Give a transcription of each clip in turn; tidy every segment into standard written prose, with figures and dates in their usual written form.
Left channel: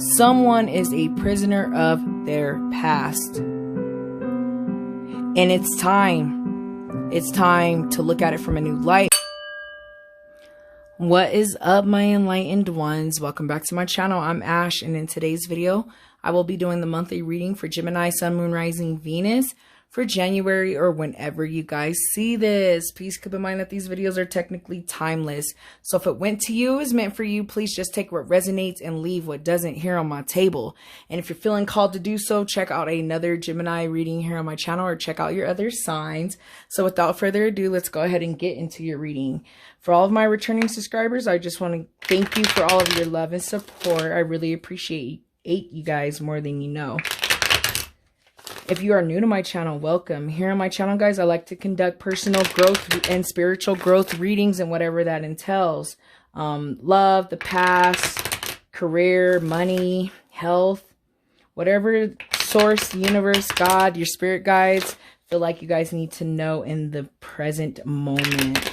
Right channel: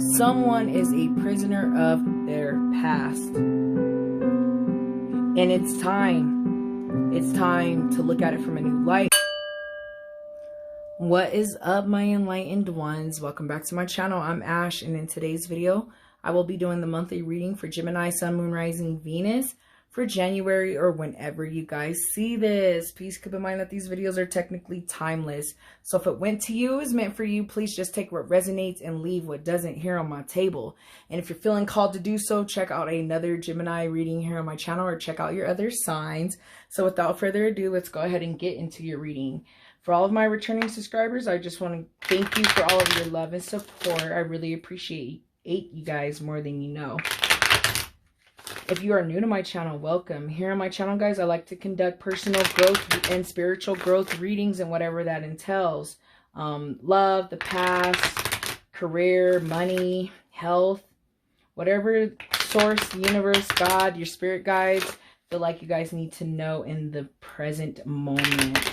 Someone is a prisoner of their past. And it's time. It's time to look at it from a new light. What is up, my enlightened ones? Welcome back to my channel. I'm Ash, and in today's video, I will be doing the monthly reading for Gemini, Sun, Moon, Rising, Venus for January, or whenever you guys see this. Please keep in mind that these videos are technically timeless. So if it went to you, is meant for you, please just take what resonates and leave what doesn't here on my table. And if you're feeling called to do so, check out another Gemini reading here on my channel, or check out your other signs. So without further ado, let's go ahead and get into your reading. For all of my returning subscribers, I just want to thank you for all of your love and support. I really appreciate you guys more than you know. If you are new to my channel, welcome. Here on my channel, guys, I like to conduct personal growth and spiritual growth readings and whatever that entails. Love, the past, career, money, health, whatever source, the universe, God, your spirit guides feel like you guys need to know in the present moment.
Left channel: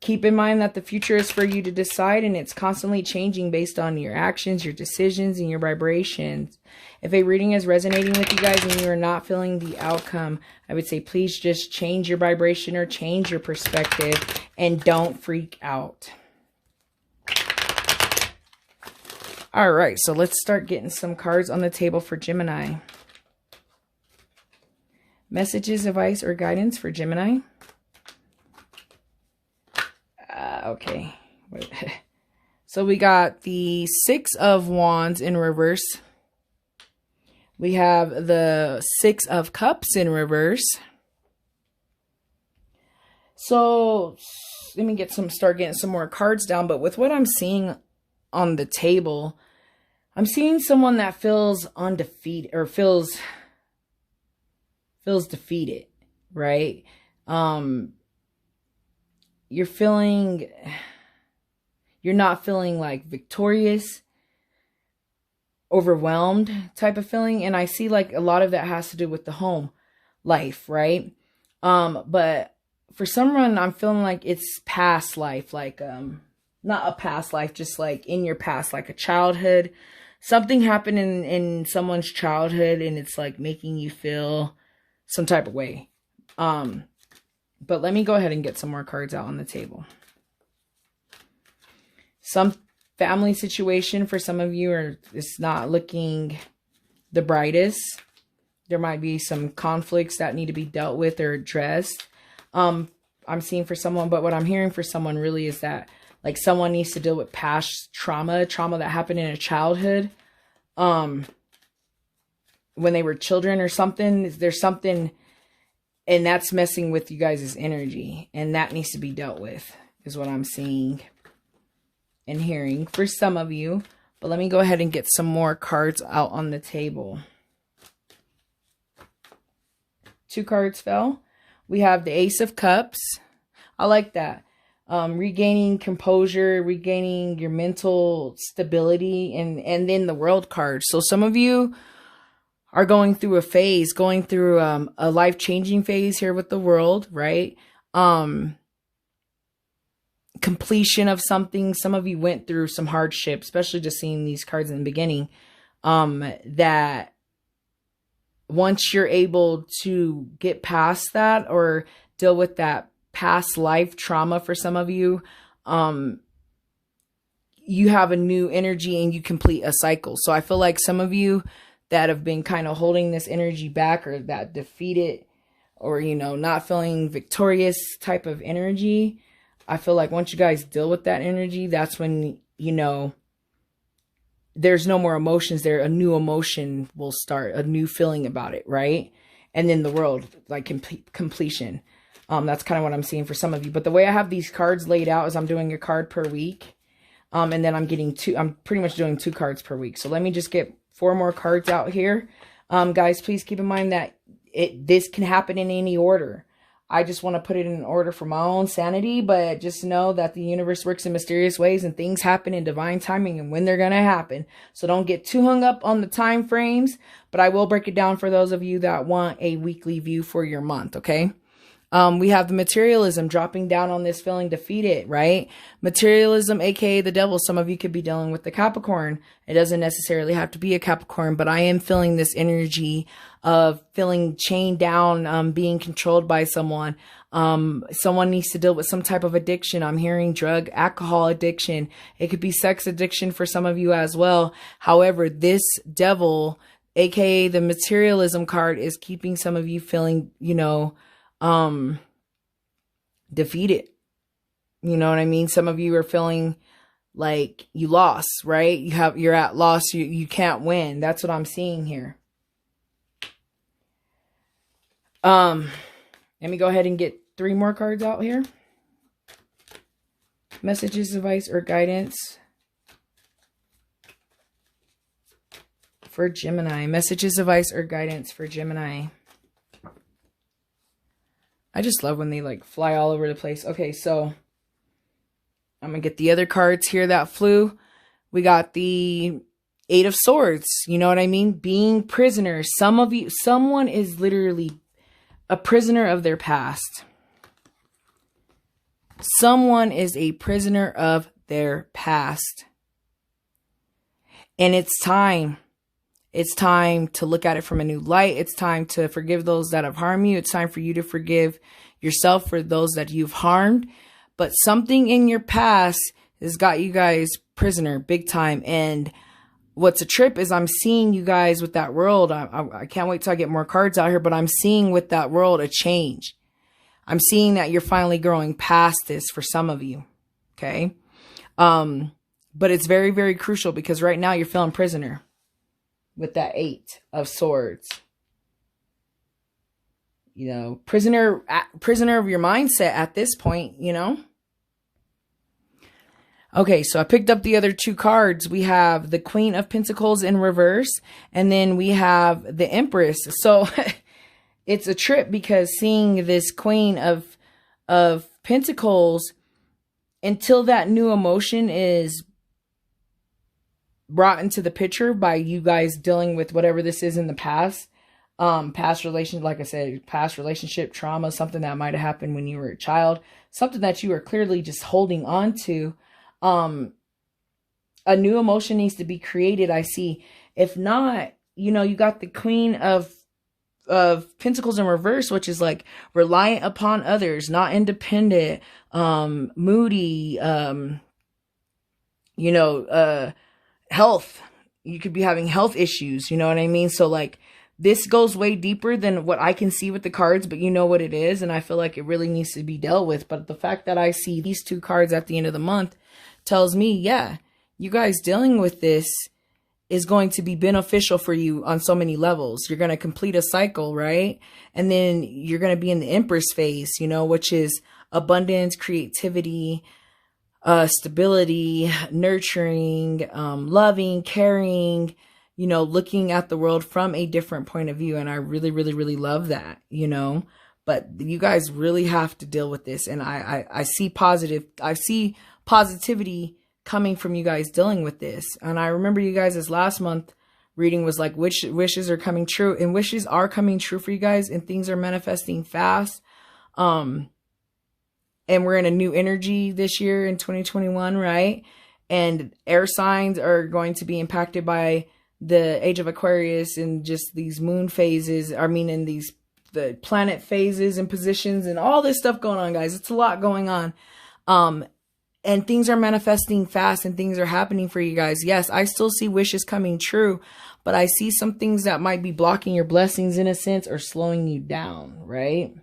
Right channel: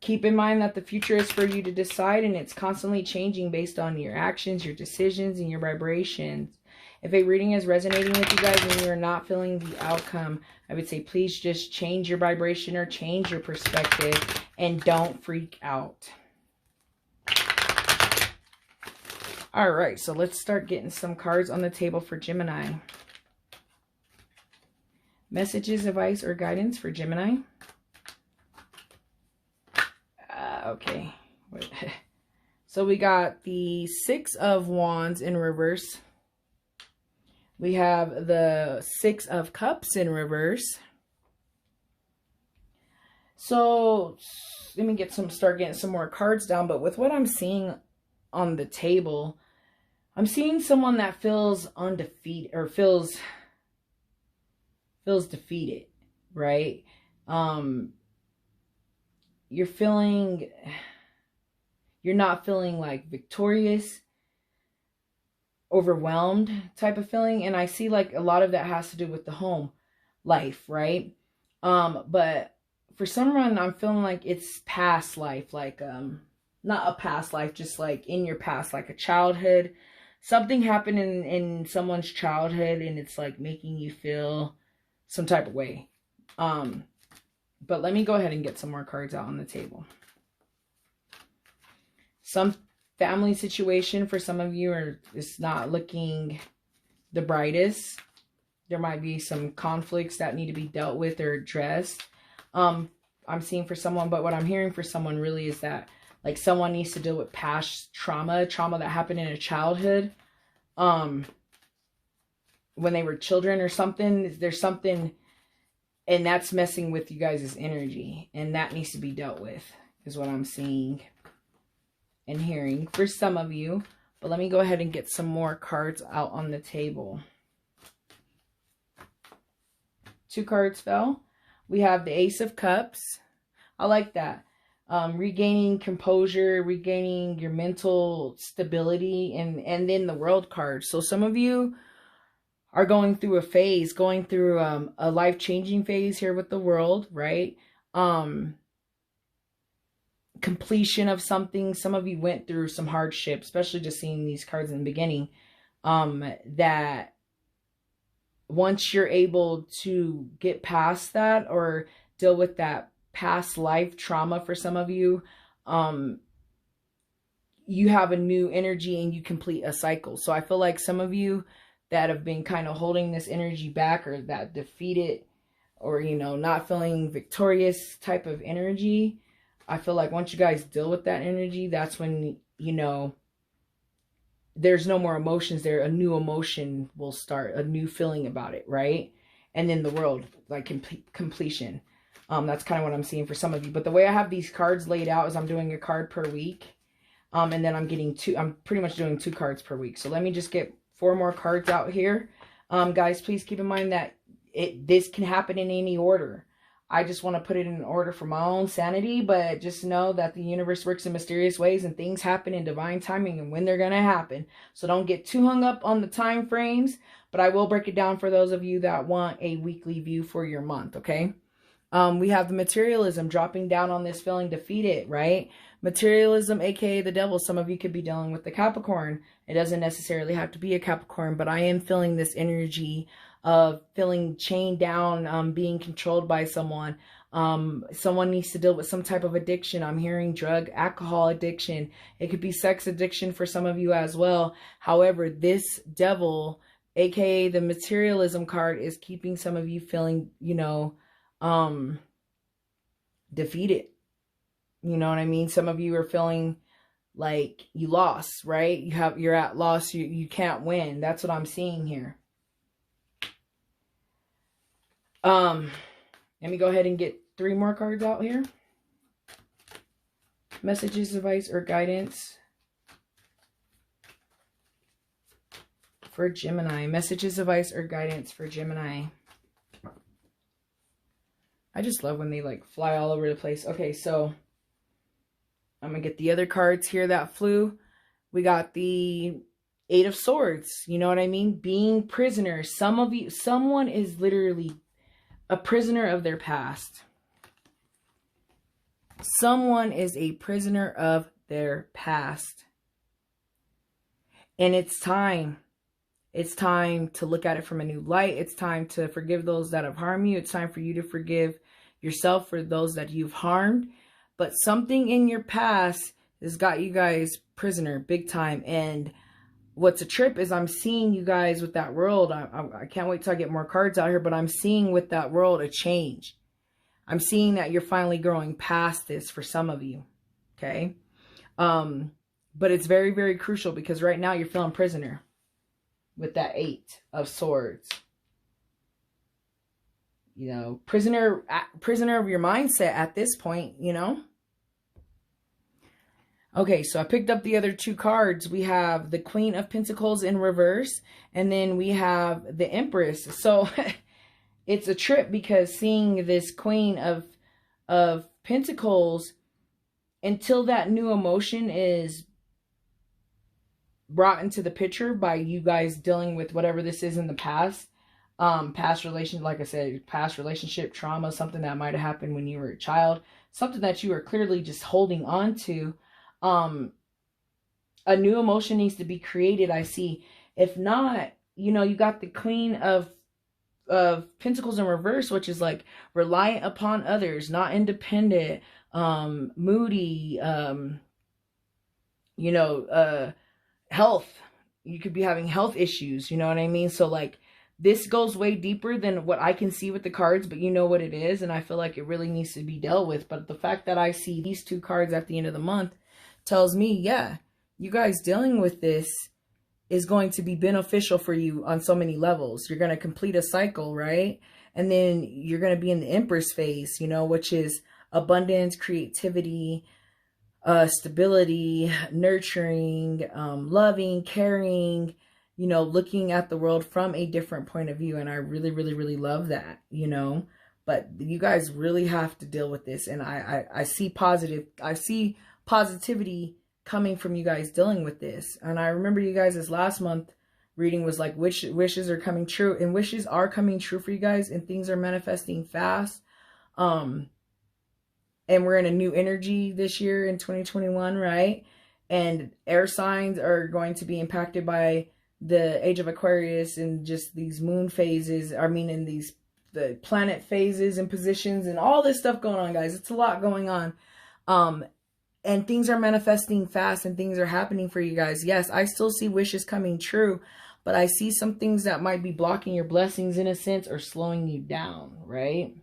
Keep in mind that the future is for you to decide, and it's constantly changing based on your actions, your decisions, and your vibrations. If a reading is resonating with you guys and you are not feeling the outcome, I would say please just change your vibration or change your perspective and don't freak out. All right, so let's start getting some cards on the table for Gemini. Messages, advice, or guidance for Gemini. Okay, so we got the Six of Wands in reverse. We have the Six of Cups in reverse. So let me start getting some more cards down. But with what I'm seeing on the table, I'm seeing someone that feels undefeated, or feels defeated, right? You're not feeling like victorious, overwhelmed type of feeling. And I see like a lot of that has to do with the home life, right? But for some reason, I'm feeling like it's past life, like, not a past life, just like in your past, like a childhood. Something happened in someone's childhood and it's like making you feel some type of way. But let me go ahead and get some more cards out on the table. Some family situation for some of you is not looking the brightest. There might be some conflicts that need to be dealt with or addressed. I'm seeing for someone, but what I'm hearing for someone really is that like someone needs to deal with past trauma that happened in a childhood. When they were children or something, there's something. And that's messing with you guys' energy. And that needs to be dealt with, is what I'm seeing and hearing for some of you. But let me go ahead and get some more cards out on the table. 2 cards fell. We have the Ace of Cups. I like that. Regaining composure, regaining your mental stability, and then the World card. So some of you are going through a phase, going through a life-changing phase here with the World, right? Completion of something. Some of you went through some hardship, especially just seeing these cards in the beginning, that once you're able to get past that or deal with that past life trauma for some of you, you have a new energy and you complete a cycle. So I feel like some of you that have been kind of holding this energy back, or that defeated, or, you know, not feeling victorious type of energy, I feel like once you guys deal with that energy, that's when, you know, there's no more emotions there. A new emotion will start, a new feeling about it, right? And then the World, like completion. That's kind of what I'm seeing for some of you. But the way I have these cards laid out is I'm doing a card per week. And then I'm pretty much doing 2 cards per week. So let me just get 4 more cards out here. Guys, please keep in mind that this can happen in any order. I just want to put it in order for my own sanity, but just know that the universe works in mysterious ways and things happen in divine timing and when they're going to happen. So don't get too hung up on the time frames, but I will break it down for those of you that want a weekly view for your month, okay? We have the materialism dropping down on this feeling defeated, right? Materialism, aka the devil. Some of you could be dealing with the Capricorn. It doesn't necessarily have to be a Capricorn, but I am feeling this energy of feeling chained down, being controlled by someone. Someone needs to deal with some type of addiction. I'm hearing drug, alcohol addiction. It could be sex addiction for some of you as well. However, this devil, aka the materialism card, is keeping some of you feeling, you know, defeated. You know what I mean? Some of you are feeling like you lost, right? You're at loss. You can't win. That's what I'm seeing here. Let me go ahead and get 3 more cards out here. Messages, advice, or guidance for Gemini. Messages, advice, or guidance for Gemini. I just love when they like fly all over the place. Okay, so I'm going to get the other cards here that flew. We got the 8 of Swords. You know what I mean? Being prisoners. Some of you, someone is literally a prisoner of their past. Someone is a prisoner of their past. And it's time. It's time to look at it from a new light. It's time to forgive those that have harmed you. It's time for you to forgive yourself for those that you've harmed. But something in your past has got you guys prisoner big time. And what's a trip is I'm seeing you guys with that world. I can't wait till I get more cards out here, but I'm seeing with that world a change. I'm seeing that you're finally growing past this for some of you. Okay. But it's very, very crucial because right now you're feeling prisoner with that 8 of Swords. You know, prisoner of your mindset at this point, you know. Okay, so I picked up the other 2 cards. We have the Queen of Pentacles in reverse, and then we have the Empress. So it's a trip because seeing this Queen of Pentacles, until that new emotion is brought into the picture by you guys dealing with whatever this is in the past, past relations, like I said, past relationship trauma, something that might have happened when you were a child, something that you are clearly just holding on to. A new emotion needs to be created, I see. If not, you know, you got the Queen of Pentacles in reverse, which is like reliant upon others, not independent, moody, you know, health. You could be having health issues, you know what I mean? So like this goes way deeper than what I can see with the cards, but you know what it is. And I feel like it really needs to be dealt with. But the fact that I see these 2 cards at the end of the month tells me, yeah, you guys dealing with this is going to be beneficial for you on so many levels. You're going to complete a cycle, right? And then you're going to be in the Empress phase, you know, which is abundance, creativity, stability, nurturing, loving, caring, you know, looking at the world from a different point of view. And I really, really, really love that, you know, but you guys really have to deal with this. And I see positivity coming from you guys dealing with this. And I remember you guys' last month reading was like, wishes are coming true, and wishes are coming true for you guys, and things are manifesting fast. And we're in a new energy this year in 2021, right? And air signs are going to be impacted by the age of Aquarius and just these moon phases. I mean, in the planet phases and positions and all this stuff going on, guys. It's a lot going on. And things are manifesting fast and things are happening for you guys. Yes, I still see wishes coming true, but I see some things that might be blocking your blessings in a sense or slowing you down, right?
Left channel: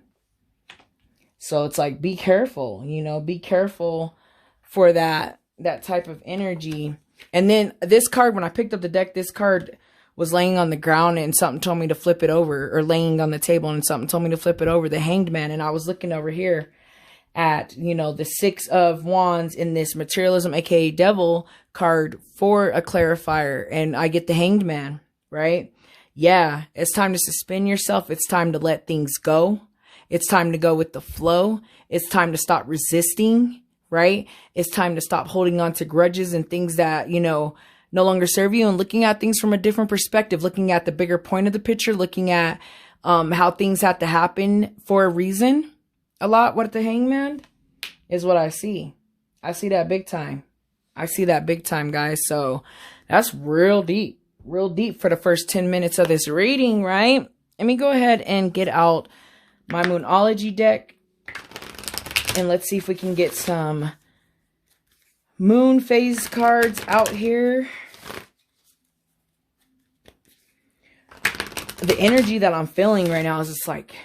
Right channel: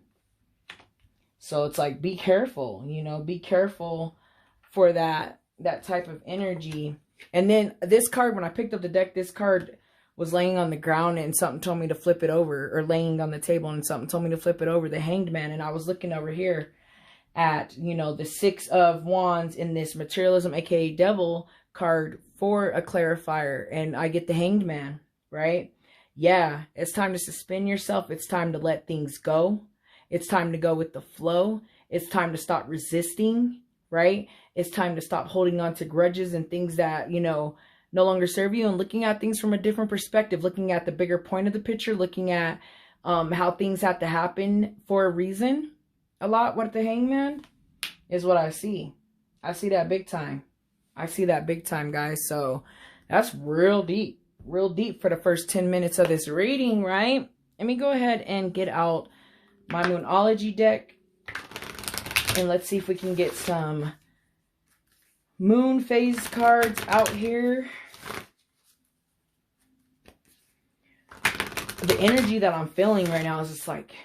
So it's like, be careful, you know, be careful for that type of energy. And then this card, when I picked up the deck, this card was laying on the ground and something told me to flip it over, or laying on the table and something told me to flip it over, the Hanged Man. And I was looking over here at, you know, the 6 of Wands in this materialism, aka devil card for a clarifier. And I get the Hanged Man, right? Yeah, it's time to suspend yourself. It's time to let things go. It's time to go with the flow. It's time to stop resisting, right? It's time to stop holding on to grudges and things that, you know, no longer serve you, and looking at things from a different perspective, looking at the bigger point of the picture, looking at how things have to happen for a reason, a lot with the Hangman is what I see. I see that big time. I see that big time, guys. So that's real deep for the first 10 minutes of this reading, right? Let me go ahead and get out my Moonology deck. And let's see if we can get some moon phase cards out here. The energy that I'm feeling right now is just like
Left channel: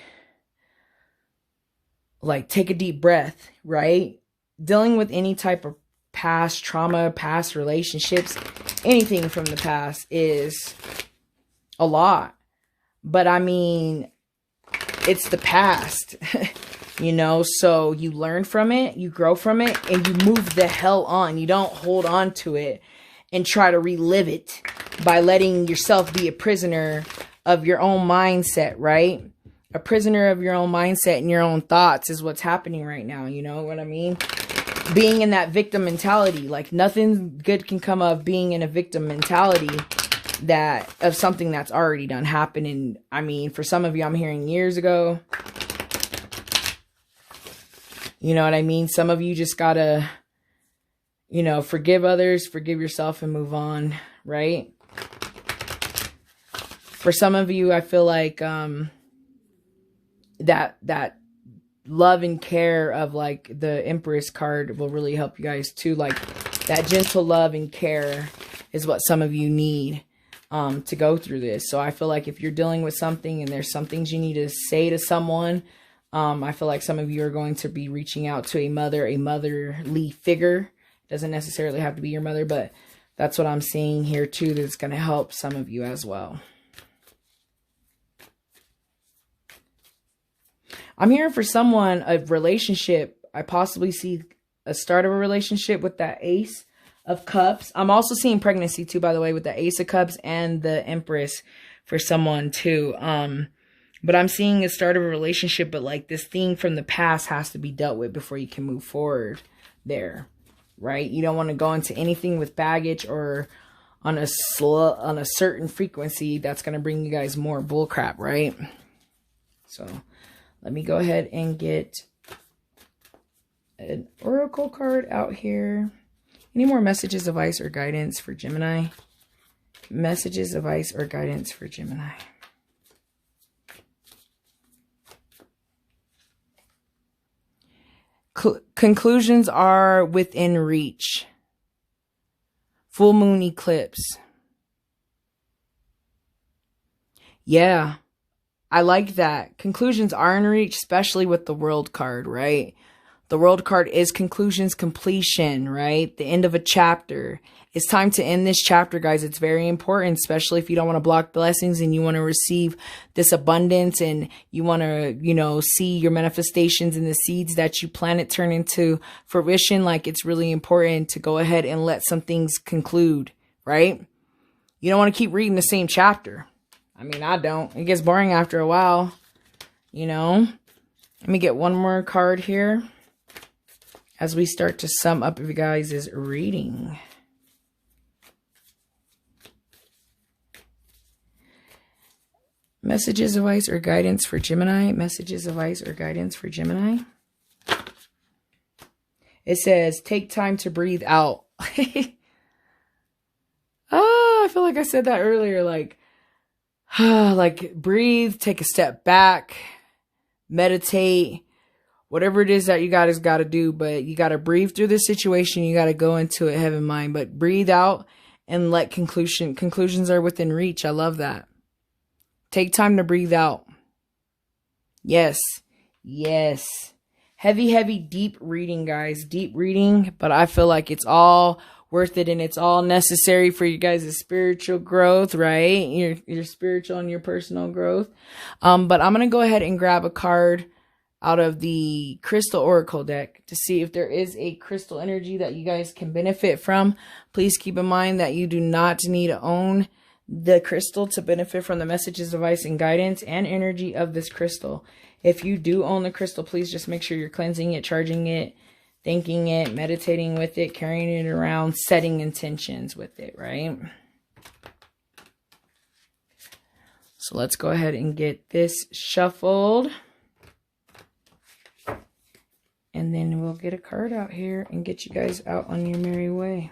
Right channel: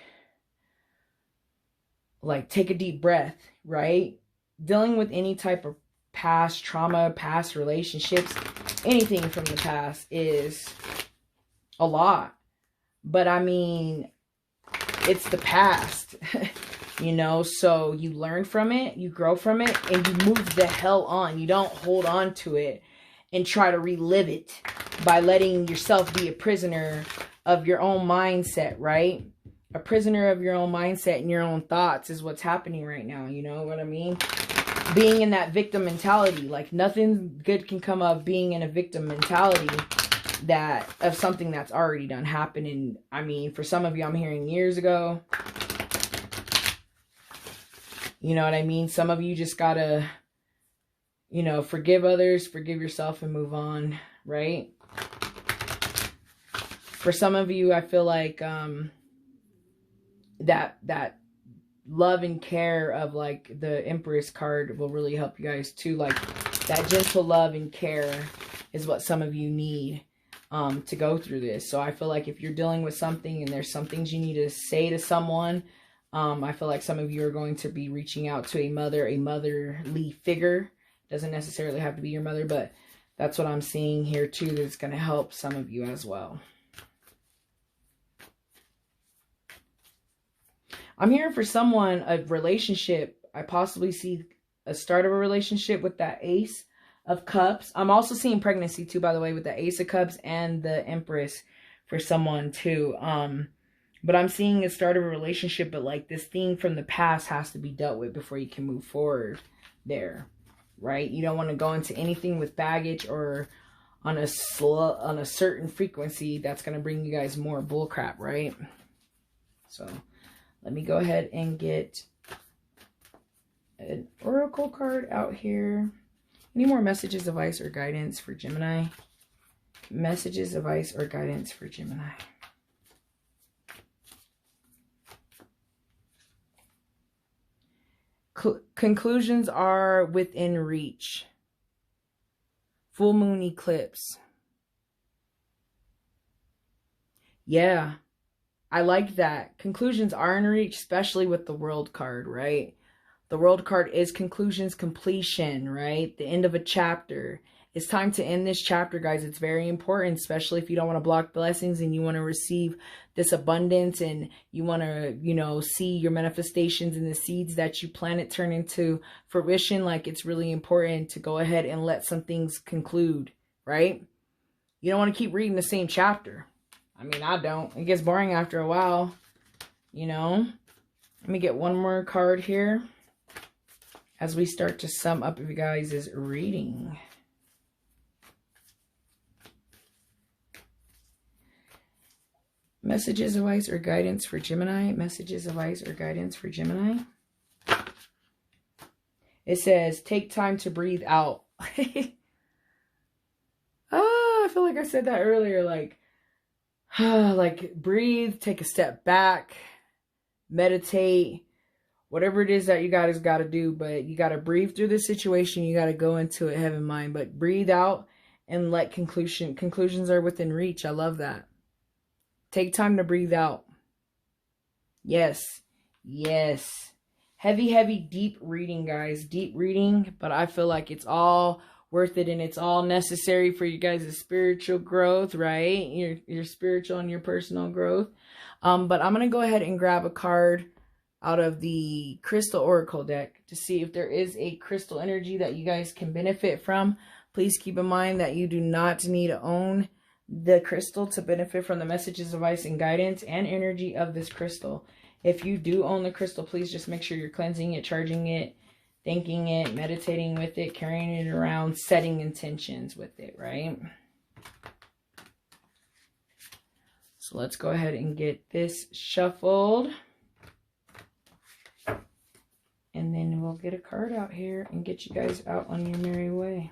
take a deep breath, right? Dealing with any type of past trauma, past relationships, anything from the past is a lot. But I mean, it's the past, you know, so you learn from it, you grow from it, and you move the hell on. You don't hold on to it and try to relive it by letting yourself be a prisoner of your own mindset, right? A prisoner of your own mindset and your own thoughts is what's happening right now. You know what I mean? Being in that victim mentality, like nothing good can come of being in a victim mentality that of something that's already done happened. And I mean, for some of you, I'm hearing years ago. You know what I mean? Some of you just gotta, you know, forgive others, forgive yourself, and move on, right? For some of you, I feel like that love and care of like the Empress card will really help you guys too. Like that gentle love and care is what some of you need to go through this. So I feel like if you're dealing with something and there's some things you need to say to someone, I feel like some of you are going to be reaching out to a motherly figure. Doesn't necessarily have to be your mother, but that's what I'm seeing here too. That's going to help some of you as well. I'm hearing for someone, a relationship. I possibly see a start of a relationship with that Ace of Cups. I'm also seeing pregnancy too, by the way, with the Ace of Cups and the Empress for someone too. But I'm seeing a start of a relationship, but like this thing from the past has to be dealt with before you can move forward there, right? You don't want to go into anything with baggage or on a certain frequency that's going to bring you guys more bullcrap, right? So let me go ahead and get an oracle card out here. Any more messages, advice, or guidance for Gemini? Messages, advice, or guidance for Gemini. Conclusions are within reach. Full moon eclipse. Yeah. I like that. Conclusions are in reach, especially with the World card, right? The World card is conclusions, completion, right? The end of a chapter. It's time to end this chapter, guys. It's very important, especially if you don't want to block blessings and you want to receive this abundance and you want to, you know, see your manifestations and the seeds that you planted turn into fruition. Like, it's really important to go ahead and let some things conclude, right? You don't want to keep reading the same chapter. I mean, I don't. It gets boring after a while, you know. Let me get one more card here as we start to sum up you guys' reading. Messages, advice, or guidance for Gemini. Messages, advice, or guidance for Gemini. It says, take time to breathe out. I feel like I said that earlier. Like breathe, take a step back, meditate, whatever it is that you guys got to do. But you got to breathe through this situation. You got to go into it heaven mind. But breathe out and let conclusions are within reach. I love that. Take time to breathe out. Yes. Yes. Heavy, deep reading, guys. Deep reading. But I feel like it's all worth it and it's all necessary for you guys' spiritual growth, right? Your spiritual and your personal growth. But I'm going to go ahead and grab a card out of the Crystal Oracle deck to see if there is a crystal energy that you guys can benefit from. Please keep in mind that you do not need to own the crystal to benefit from the messages, advice, and guidance and energy of this crystal. If you do own the crystal, please just make sure you're cleansing it, charging it, thinking it, meditating with it, carrying it around, setting intentions with it, right? So let's go ahead and get this shuffled. And then we'll get a card out here and get you guys out on your merry way.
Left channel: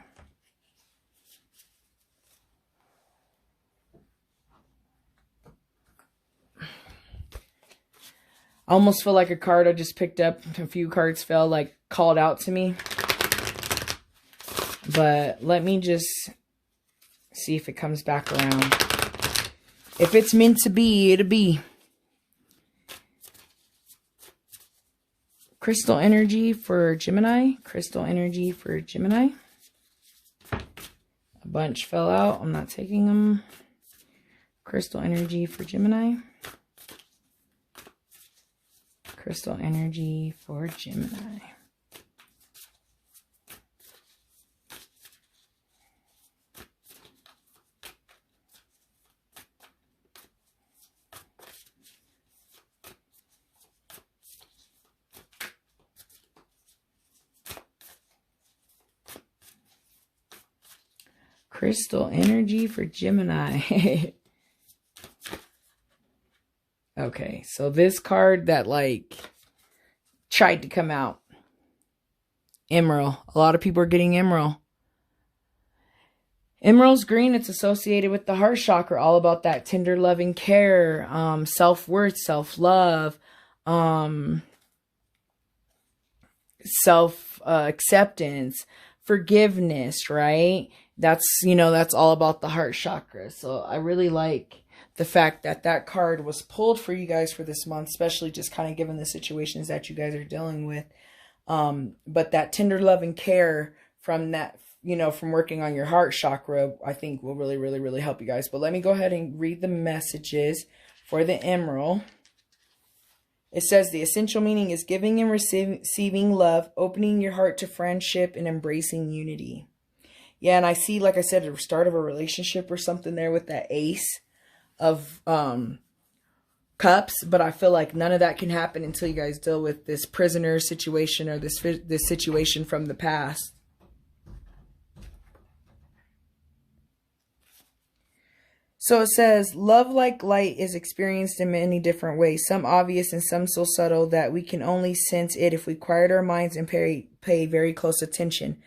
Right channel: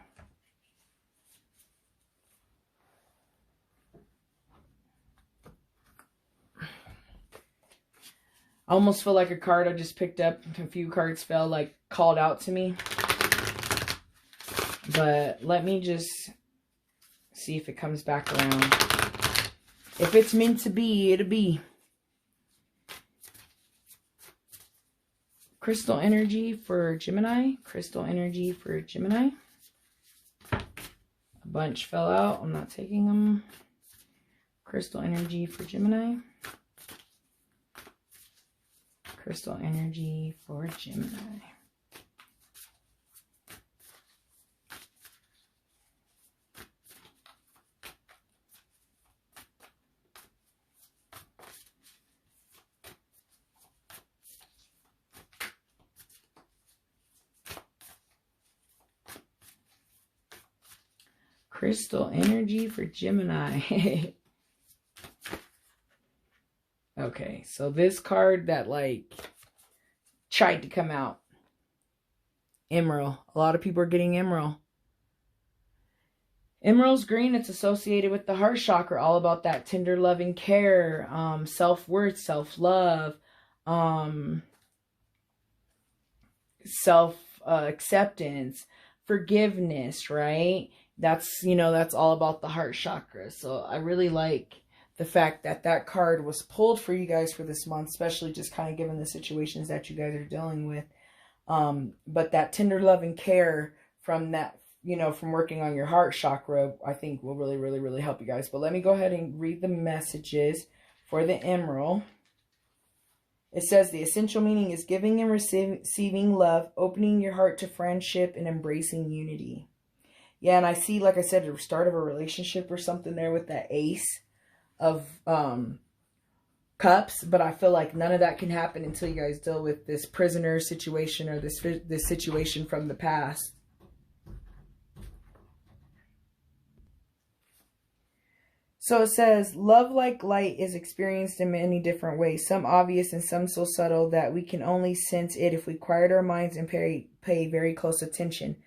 I almost feel like a card I just picked up, a few cards fell, like, called out to me. But let me just see if it comes back around. If it's meant to be, it'll be. Crystal energy for Gemini. Crystal energy for Gemini. A bunch fell out. I'm not taking them. Crystal energy for Gemini. Crystal energy for Gemini. Crystal energy for Gemini. Okay, so this card that, like, tried to come out. Emerald. A lot of people are getting emerald. Emerald's green. It's associated with the heart chakra. All about that tender, loving care, self-worth, self-love, self-acceptance, forgiveness, right? That's, you know, that's all about the heart chakra. So I really like the fact that that card was pulled for you guys for this month, especially just kind of given the situations that you guys are dealing with. But that tender love and care from that, you know, from working on your heart chakra, I think will really, really, really help you guys. But let me go ahead and read the messages for the emerald. It says the essential meaning is giving and receiving love, opening your heart to friendship, and embracing unity. Yeah, and I see, like I said, the start of a relationship or something there with that ace of cups, but I feel like none of that can happen until you guys deal with this prisoner situation or this situation from the past. So it says, love like light is experienced in many different ways, some obvious and some so subtle that we can only sense it if we quiet our minds and pay very close attention.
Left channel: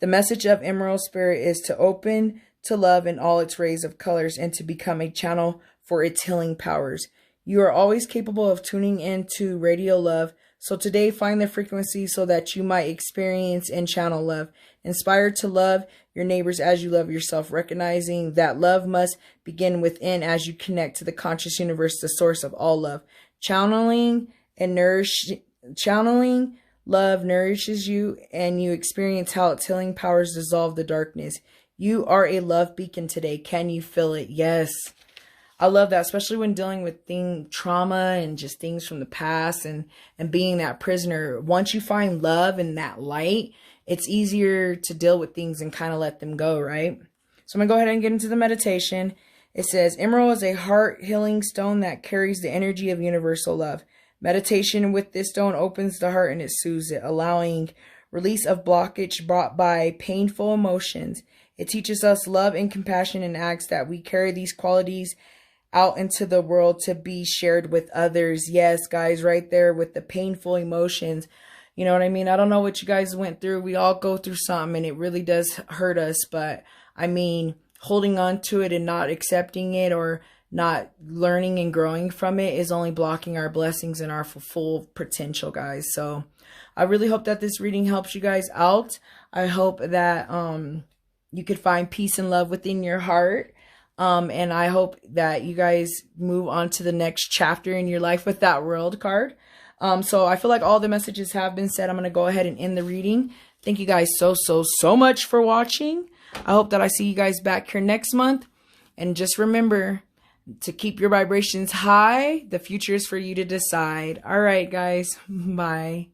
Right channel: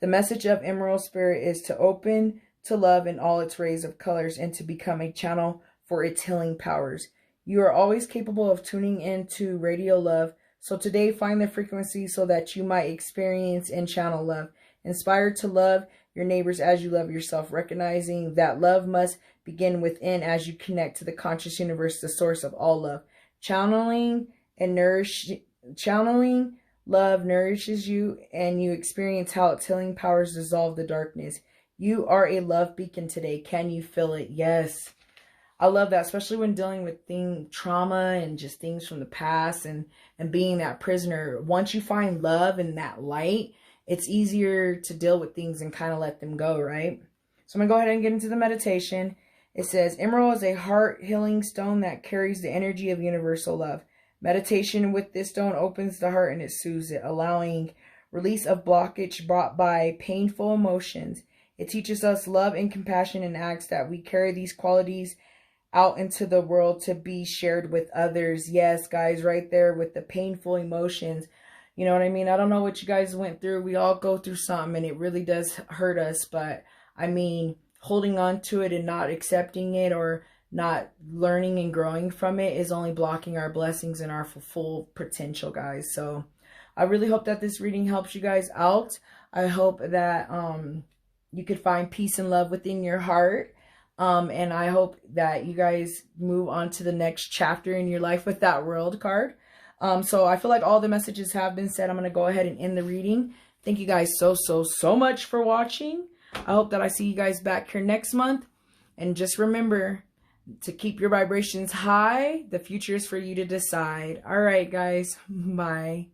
The message of Emerald Spirit is to open to love in all its rays of colors and to become a channel for its healing powers. You are always capable of tuning into radio love. So today find the frequency so that you might experience and channel love. Inspired to love your neighbors as you love yourself, recognizing that love must begin within as you connect to the conscious universe, the source of all love. Channeling love nourishes you, and you experience how its healing powers dissolve the darkness. You are a love beacon today. Can you feel it? Yes. I love that, especially when dealing with trauma and just things from the past and being that prisoner. Once you find love and that light, it's easier to deal with things and kind of let them go, right? So I'm going to go ahead and get into the meditation. It says, Emerald is a heart healing stone that carries the energy of universal love. Meditation with this stone opens the heart and it soothes it, allowing release of blockage brought by painful emotions. It teaches us love and compassion and asks that we carry these qualities out into the world to be shared with others. Yes, guys, right there with the painful emotions. You know what I mean? I don't know what you guys went through. We all go through something and it really does hurt us. But I mean, holding on to it and not accepting it or not learning and growing from it is only blocking our blessings and our full potential, guys. So I really hope that this reading helps you guys out. I hope that you could find peace and love within your heart. And I hope that you guys move on to the next chapter in your life with that World card. So I feel like all the messages have been said. I'm going to go ahead and end the reading. Thank you guys so much for watching. I hope that I see you guys back here next month. And just remember to keep your vibrations high. The future is for you to decide. All right, guys. Bye.